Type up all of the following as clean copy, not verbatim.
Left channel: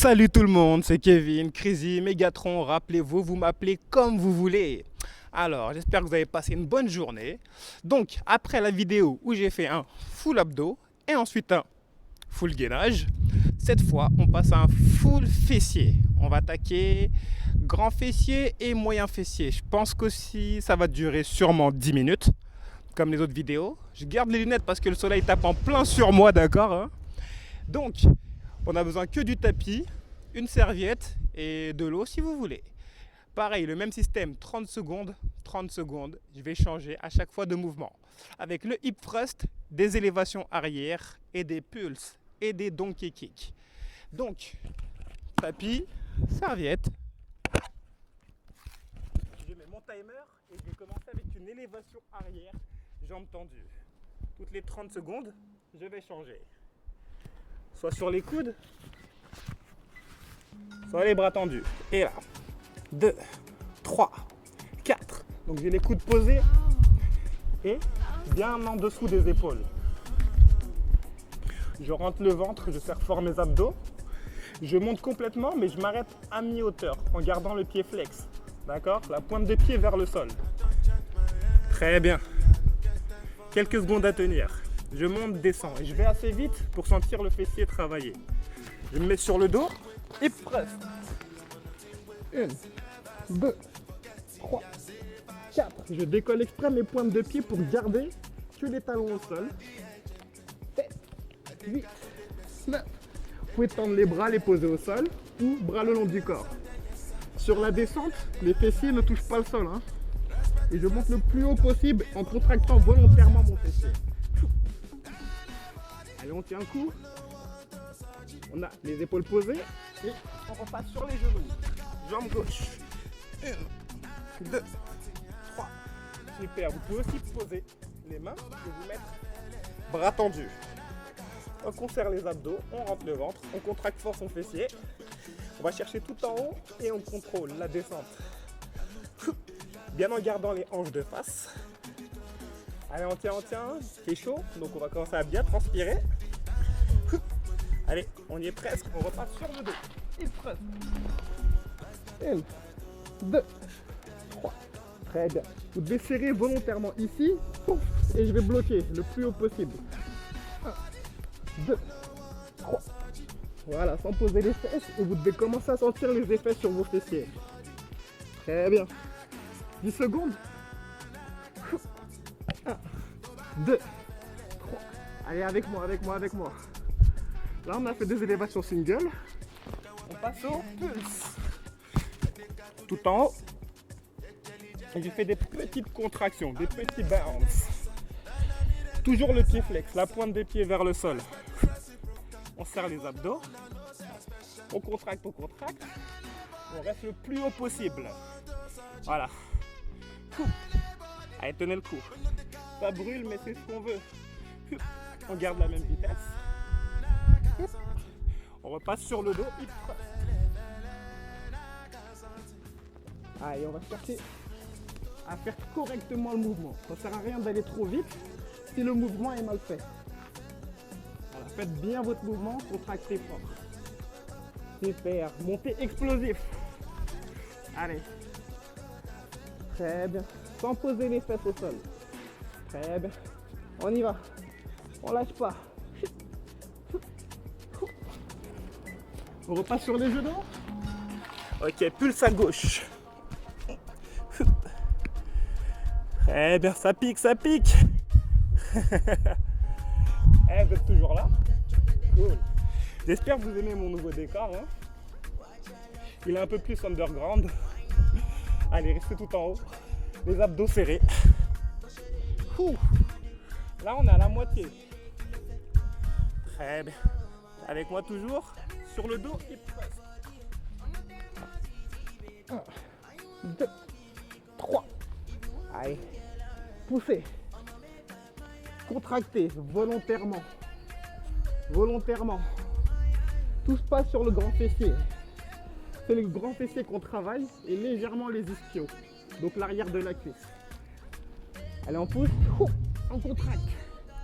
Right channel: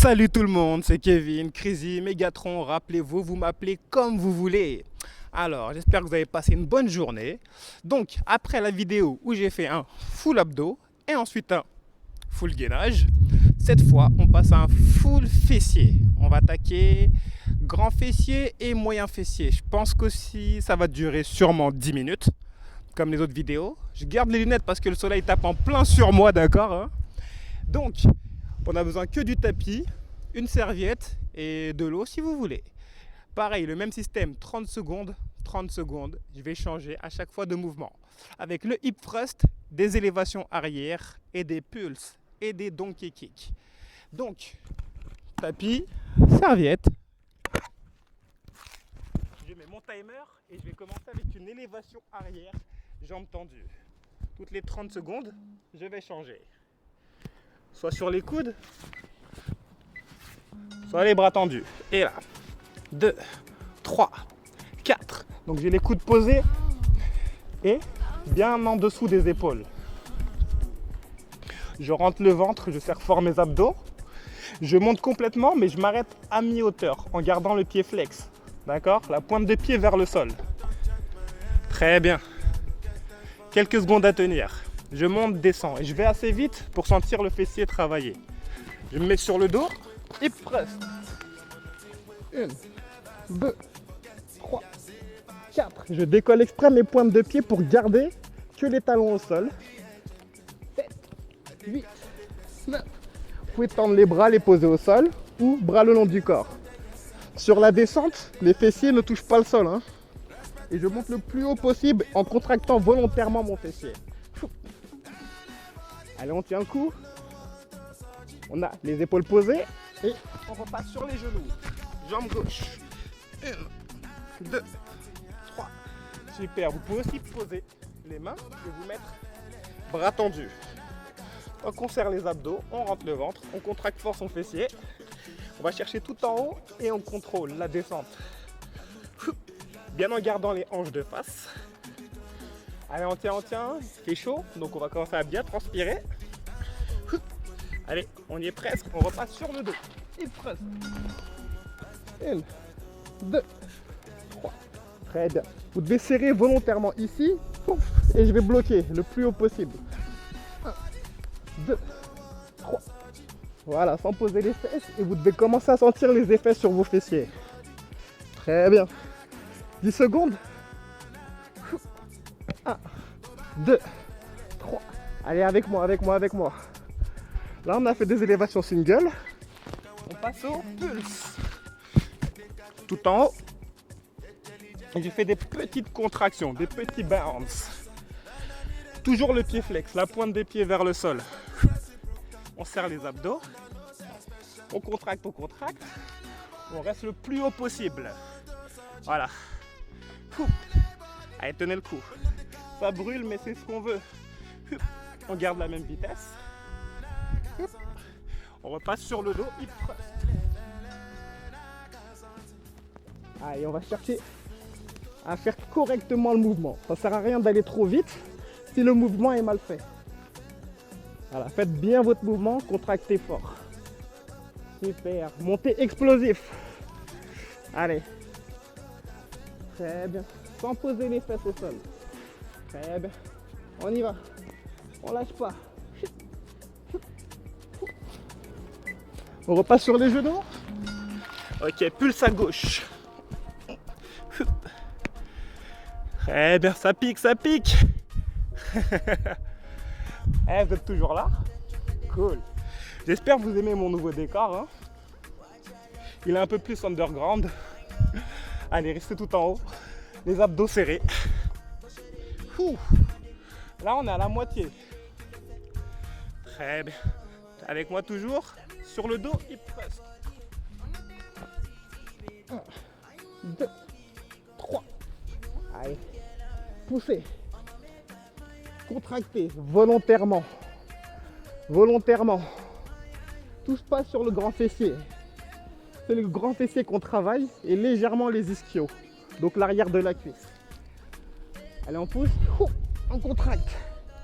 Salut tout le monde, c'est Kevin, Crazy, Megatron, rappelez-vous, vous m'appelez comme vous voulez. Alors, j'espère que vous avez passé une bonne journée. Donc, après la vidéo où j'ai fait un full abdos et ensuite un full gainage, cette fois, on passe à un full fessier. On va attaquer grand fessier et moyen fessier. Je pense qu'aussi, ça va durer sûrement 10 minutes, comme les autres vidéos. Je garde les lunettes parce que le soleil tape en plein sur moi, d'accord, hein. Donc, on a besoin que du tapis, une serviette et de l'eau si vous voulez. Pareil, le même système, 30 secondes, 30 secondes. Je vais changer à chaque fois de mouvement. Avec le hip thrust, des élévations arrière et des pulses et des donkey kicks. Donc, tapis, serviette. Je mets mon timer et je vais commencer avec une élévation arrière, jambes tendues. Toutes les 30 secondes, je vais changer. Soit sur les coudes, soit les bras tendus. Et là, 2, 3, 4. Donc j'ai les coudes posés et bien en dessous des épaules. Je rentre le ventre, je serre fort mes abdos. Je monte complètement, mais je m'arrête à mi-hauteur en gardant le pied flex. D'accord? La pointe de pied vers le sol. Très bien. Quelques secondes à tenir. Je monte, descends et je vais assez vite pour sentir le fessier travailler. Je me mets sur le dos, hip thrust. 1, 2, 3, 4. Je décolle exprès mes pointes de pied pour garder que les talons au sol. 7, 8, 9. Vous pouvez tendre les bras, les poser au sol ou bras le long du corps. Sur la descente, les fessiers ne touchent pas le sol, hein. Et je monte le plus haut possible en contractant volontairement mon fessier. Allez, on tient le coup. On a les épaules posées et on repasse sur les genoux. Jambe gauche. 1, 2, 3. Super. Vous pouvez aussi poser les mains et vous mettre bras tendus. Donc on serre les abdos, on rentre le ventre, on contracte fort son fessier. On va chercher tout en haut et on contrôle la descente. Bien en gardant les hanches de face. Allez, on tient, c'est chaud, donc on va commencer à bien transpirer. Allez, on y est presque, on repasse sur le dos. Hip thrust. 1, 2, 3. Très bien. Vous devez serrer volontairement ici, et je vais bloquer le plus haut possible. 1, 2, 3. Voilà, sans poser les fesses, et vous devez commencer à sentir les effets sur vos fessiers. Très bien. 10 secondes. 1, 2, 3. Allez, avec moi. Là, on a fait des élévations single. On passe au pulse. Tout en haut. Et j'ai fait des petites contractions, des petits bounce. Toujours le pied flex, la pointe des pieds vers le sol. On serre les abdos. On contracte. On reste le plus haut possible. Voilà. Allez, tenez le coup. Ça brûle, mais c'est ce qu'on veut. On garde la même vitesse. On repasse sur le dos. Allez, on va chercher à faire correctement le mouvement. Ça ne sert à rien d'aller trop vite si le mouvement est mal fait. Voilà, faites bien votre mouvement, contractez fort. Super. Montez explosif. Allez. Très bien. Sans poser les fesses au sol. Très bien. On y va. On lâche pas. On repasse sur les genoux. Ok, pulse à gauche. Très bien, ça pique. Vous êtes toujours là? Cool. J'espère que vous aimez mon nouveau décor, hein. Il est un peu plus underground. Allez, restez tout en haut. Les abdos serrés. Là, on est à la moitié. Très bien. Avec moi toujours. Sur le dos, hip thrust. 1, 2, 3. Allez. Poussez. Contractez volontairement. Tout se passe sur le grand fessier. C'est le grand fessier qu'on travaille et légèrement les ischios. Donc l'arrière de la cuisse. Allez, on pousse. On contracte.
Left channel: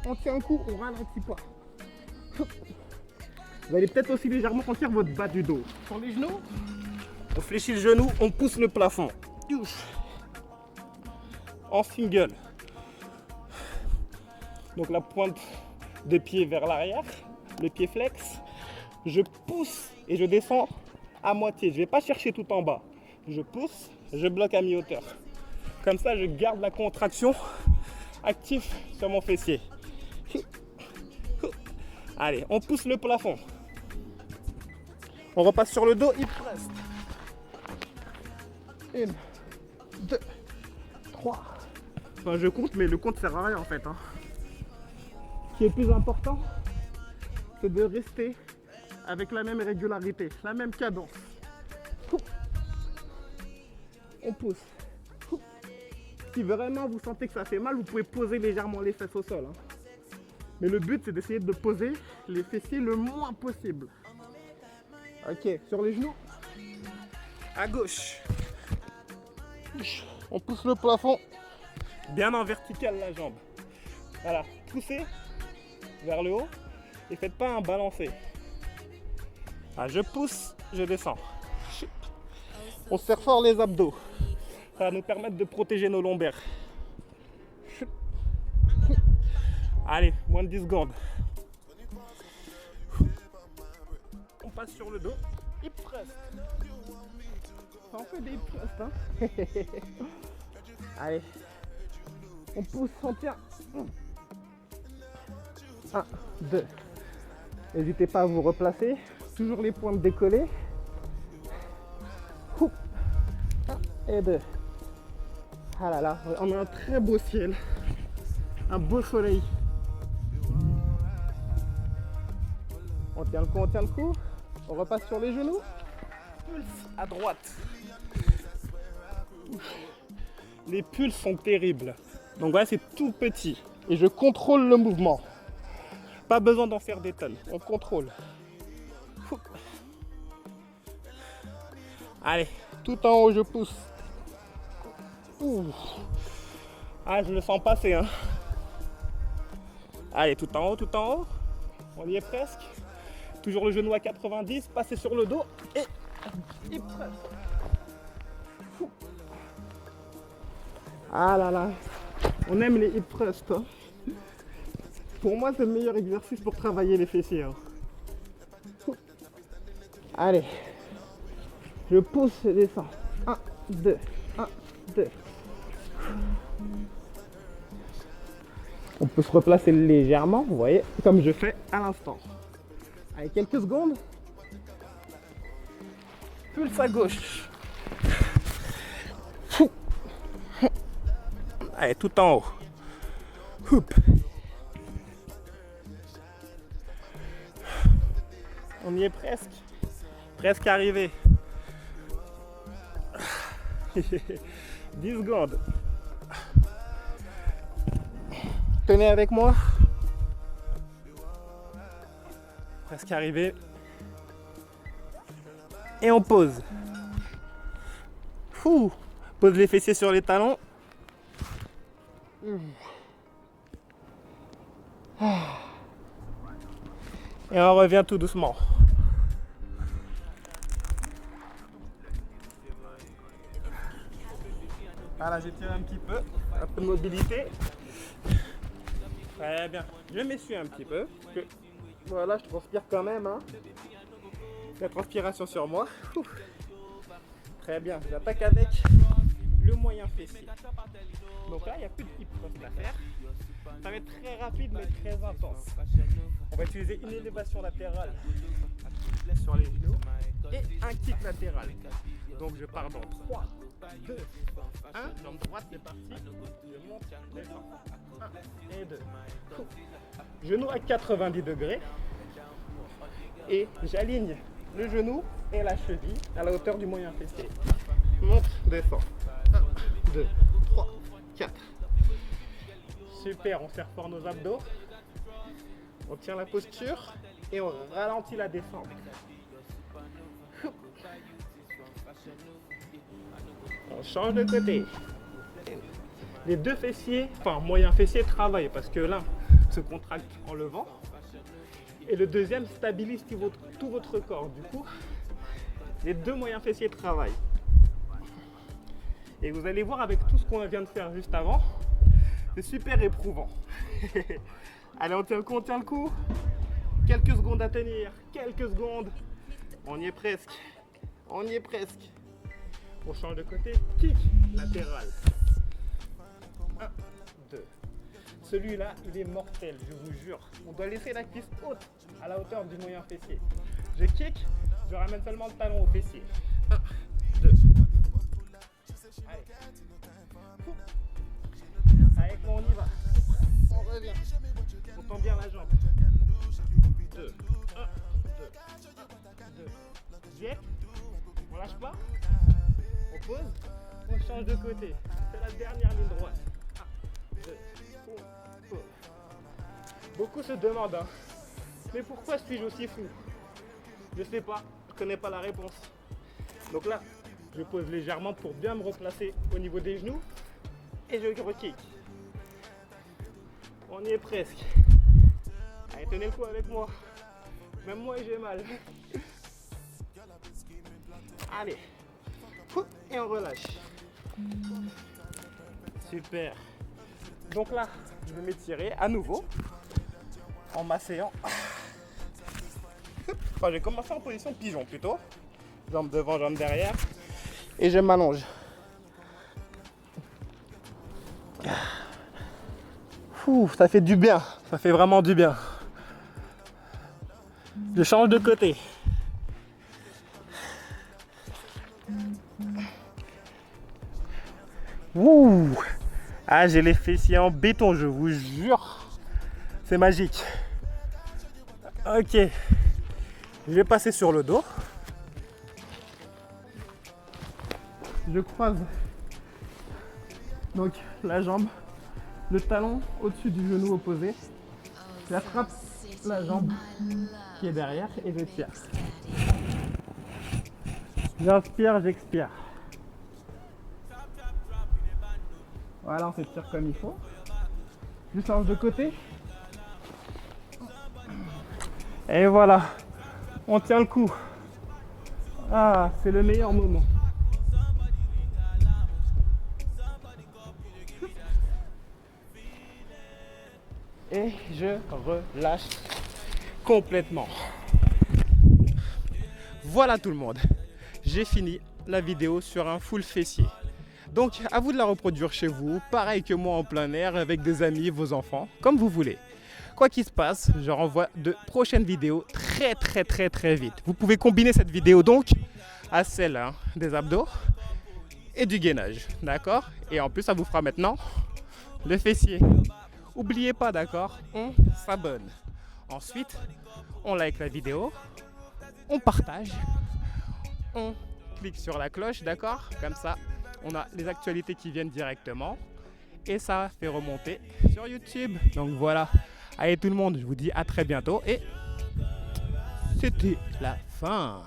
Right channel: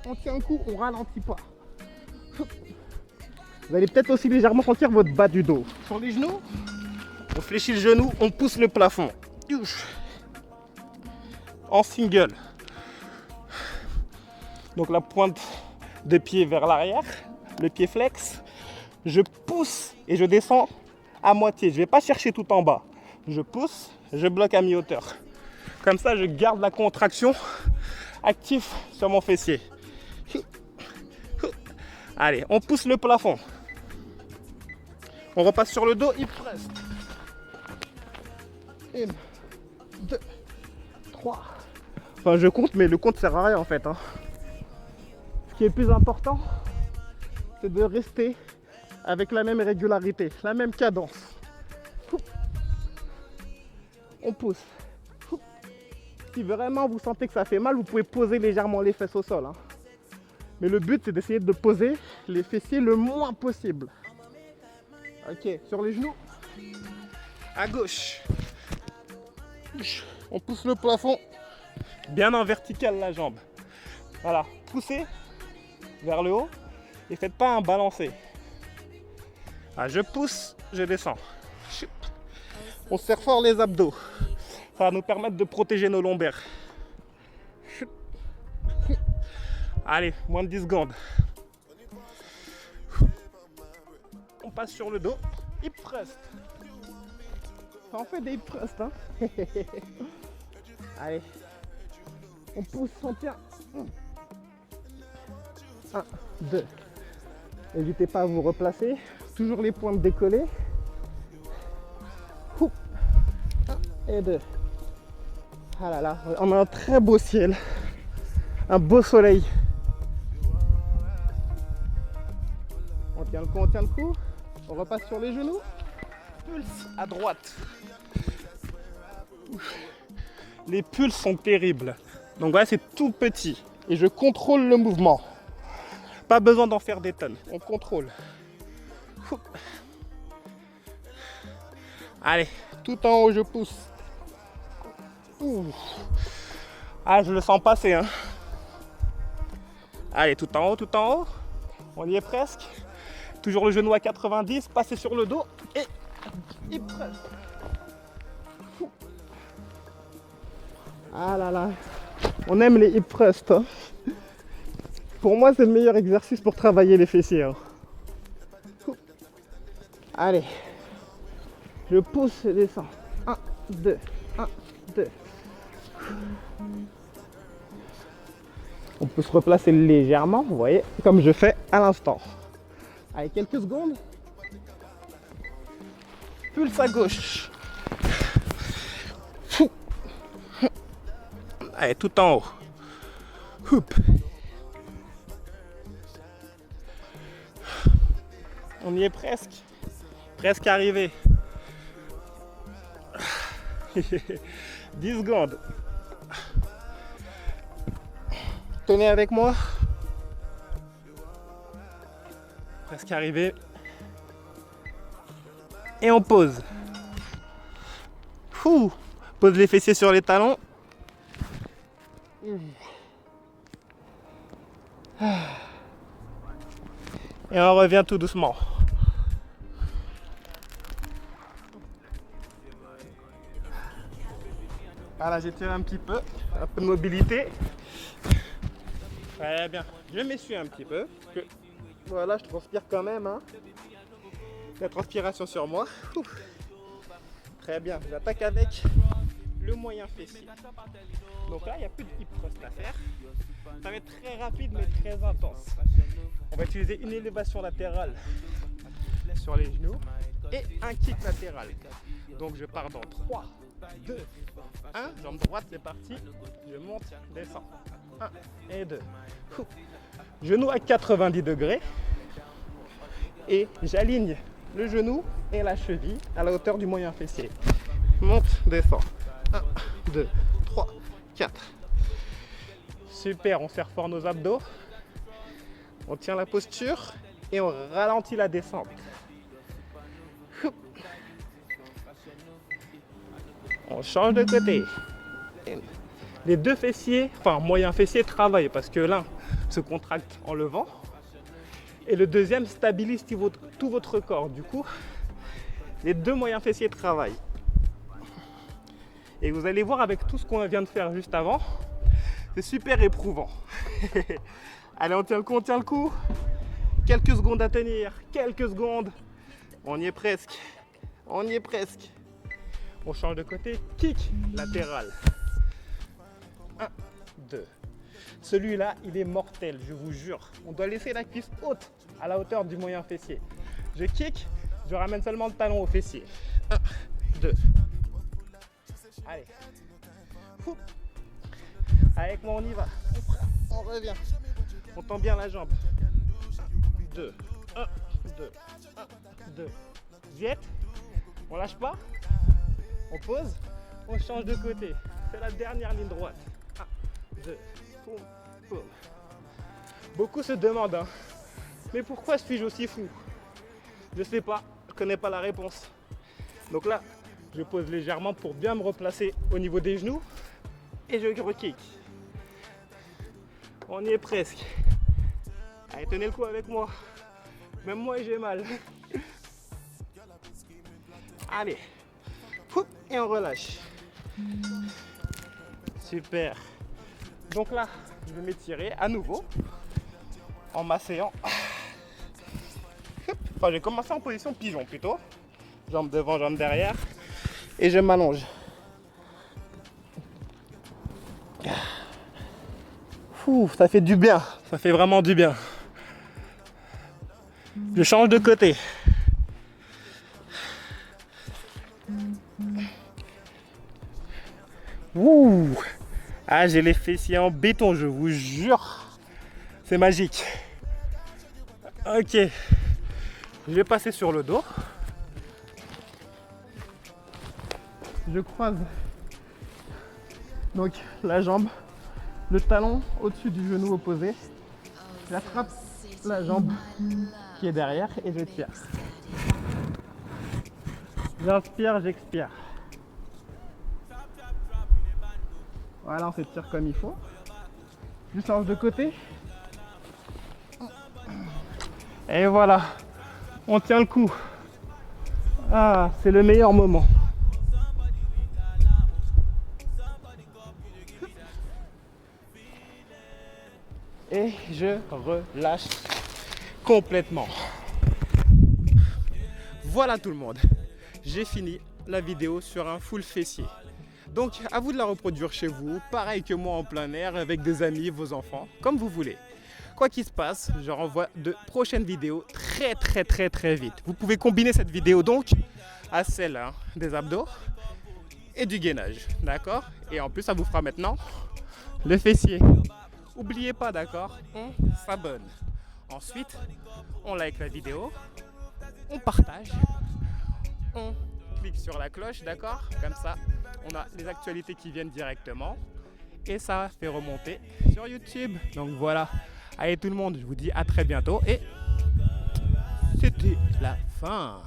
On tient un coup, on ralentit pas. Vous allez peut-être aussi légèrement sentir votre bas du dos. Sur les genoux, on fléchit le genou, on pousse le plafond. En single. Donc la pointe de pied vers l'arrière, le pied flex. Je pousse et je descends à moitié. Je ne vais pas chercher tout en bas. Je pousse, je bloque à mi-hauteur. Comme ça, je garde la contraction active sur mon fessier. Allez, on pousse le plafond. On repasse sur le dos, hip thrust. 1, 2, 3. Enfin, je compte, mais le compte sert à rien en fait. Ce qui est le plus important, c'est de rester avec la même régularité, la même cadence. On pousse. Si vraiment vous sentez que ça fait mal, vous pouvez poser légèrement les fesses au sol. Mais le but, c'est d'essayer de poser les fessiers le moins possible. Ok, sur les genoux. À gauche. On pousse le plafond. Bien en vertical la jambe. Voilà, poussez vers le haut et faites pas un balancé. Ah, je pousse, je descends. On serre fort les abdos. Ça va nous permettre de protéger nos lombaires. Allez, moins de 10 secondes. On passe sur le dos. Hip thrust. On fait des hip thrusts, hein. Allez. On pousse, on tient. 1, 2. N'hésitez pas à vous replacer. Toujours les pointes décollées. 1 et 2. Ah là là, on a un très beau ciel. Un beau soleil. On tient le coup, on tient le coup. On repasse sur les genoux. Pulse à droite. Les pulses sont terribles. Donc voilà, c'est tout petit. Et je contrôle le mouvement. Pas besoin d'en faire des tonnes. On contrôle. Allez, tout en haut, je pousse. Ah, je le sens passer, hein. Allez, tout en haut, tout en haut. On y est presque. Toujours le genou à 90, passer sur le dos et hip thrust. Ah là là, on aime les hip thrusts. Hein. Pour moi, c'est le meilleur exercice pour travailler les fessiers. Hein. Allez, je pousse et descends. 1, 2, 1, 2. On peut se replacer légèrement, vous voyez, comme je fais à l'instant. Allez, quelques secondes. Pulse à gauche. Allez, tout en haut. Houp. On y est presque. Presque arrivé. 10 secondes. Tenez avec moi. Presque arrivé. Et on pose. Pose les fessiers sur les talons. Et on revient tout doucement. Voilà, j'étire un petit peu de mobilité. Très bien. Je m'essuie un petit peu. Voilà, je transpire quand même. Hein. La transpiration sur moi. Très bien. J'attaque avec le moyen fessier. Donc là, il n'y a plus de hip thrust à faire. Ça va être très rapide mais très intense. On va utiliser une élévation latérale sur les genoux et un kick latéral. Donc je pars dans 3, 2, 1. Jambe droite, c'est parti. Je monte, descends. 1 et 2. Genou à 90 degrés. Et j'aligne le genou et la cheville à la hauteur du moyen fessier. Monte, descends. 1, 2, 3, 4. Super, on serre fort nos abdos. On tient la posture et on ralentit la descente. On change de côté. Les deux fessiers, enfin moyen fessier, travaillent parce que l'un se contracte en levant Et le deuxième stabilise tout votre corps. Du coup, les deux moyens fessiers travaillent. Et vous allez voir avec tout ce qu'on vient de faire juste avant, c'est super éprouvant. Allez, on tient le coup, on tient le coup. Quelques secondes à tenir, quelques secondes. On y est presque, on y est presque. On change de côté, kick latéral. 1, 2. Celui-là, il est mortel, je vous jure. On doit laisser la cuisse haute, à la hauteur du moyen fessier. Je kick, je ramène seulement le talon au fessier. 1, 2. Allez. Avec moi, on y va. On revient. On tend bien la jambe. 2, 1, 2, 1, 2. Jet. On lâche pas. On pose. On change de côté. C'est la dernière ligne droite. 1, 2, boum, boum. Beaucoup se demandent, hein, mais pourquoi suis-je aussi fou? Je sais pas, je connais pas la réponse. Donc là, je pose légèrement pour bien me replacer au niveau des genoux et je re-kick. On y est presque. Allez, tenez le coup avec moi. Même moi, j'ai mal. Allez. Et on relâche. Super. Donc là, je vais m'étirer à nouveau en m'asseyant. Enfin, j'ai commencé en position pigeon plutôt. Jambes devant, jambes derrière. Et je m'allonge. Ça fait du bien. Ça fait vraiment du bien. Je change de côté. Ouh. Ah, j'ai les fessiers en béton, je vous jure. C'est magique. Ok. Je vais passer sur le dos. Je croise donc la jambe, le talon au-dessus du genou opposé. J'attrape la jambe qui est derrière et je tire. J'inspire, j'expire. Voilà, on s'étire comme il faut. Je change de côté. Et voilà, on tient le coup. Ah, c'est le meilleur moment. Et je relâche complètement. Voilà tout le monde. J'ai fini la vidéo sur un full fessier. Donc à vous de la reproduire chez vous, pareil que moi en plein air, avec des amis, vos enfants, comme vous voulez. Quoi qu'il se passe, je renvoie de prochaines vidéos très vite. Vous pouvez combiner cette vidéo donc à celle des abdos et du gainage, d'accord? Et en plus ça vous fera maintenant le fessier. N'oubliez pas, d'accord? On s'abonne. Ensuite, on like la vidéo, on partage, on clique sur la cloche, d'accord? Comme ça, on a les actualités qui viennent directement et ça fait remonter sur YouTube. Donc voilà. Allez tout le monde, je vous dis à très bientôt et c'était la fin.